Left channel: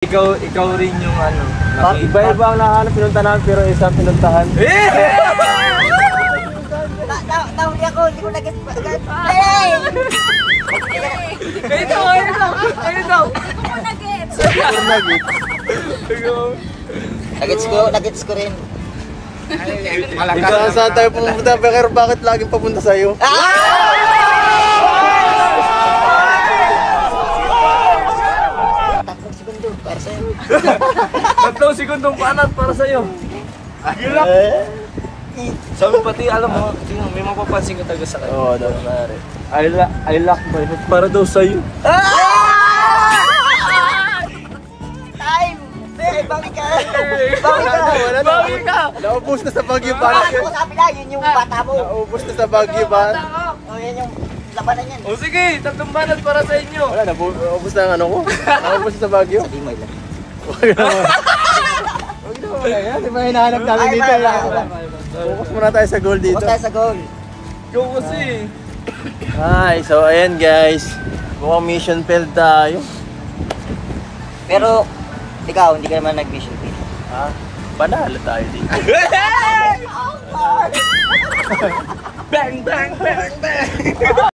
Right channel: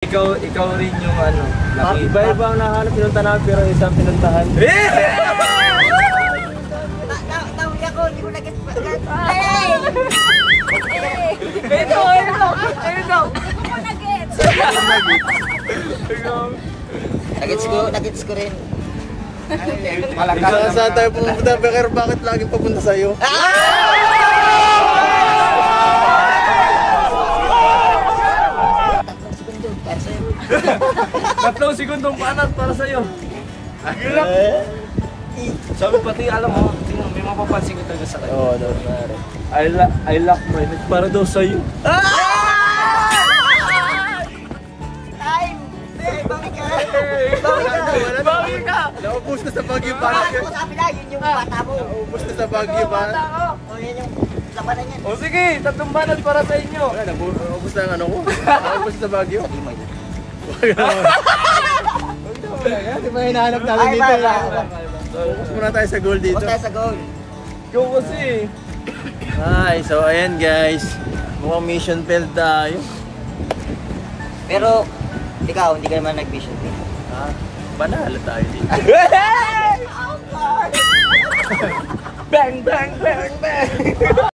Ikaw rin yung ano. Iba-iba ang nahanap pinunta namin pero isang pinuntahan. Nahuli ako, hindi ko nag-get. Hey! Ito! Ako nag-get. Nag-gets ko rin. Ikaw saan tayo pumunta, pero bakit laging papunta sa'yo? Tatlong segundong panat para sa'yo. Sabi pati alam mo, may mapapansin ka talaga sa kanya. I lock my head para daw sa'yo. Time! Bakit ka? Bakit ka? Naubos na sa Baguio ba? Ako sabi na, yun yung bata mo. Naubos na sa Baguio ba? Yan yung labanan yan. O sige, tatlong panat para sa inyo. Wala, naubos na ang ano ko. Naubos na sa Baguio. Sabi mo lang. Hindi ba hinahanap namin Ay, dito? wala. Focus muna tayo sa goal dito. Huwag tayo sa goal. Yung kasi. Ay, so ayan guys. Mukhang mission failed tayo. Pero, ikaw, hindi ka naman nag-mission fail. Ha? Panalo tayo dito. Bang, bang, bang, bang.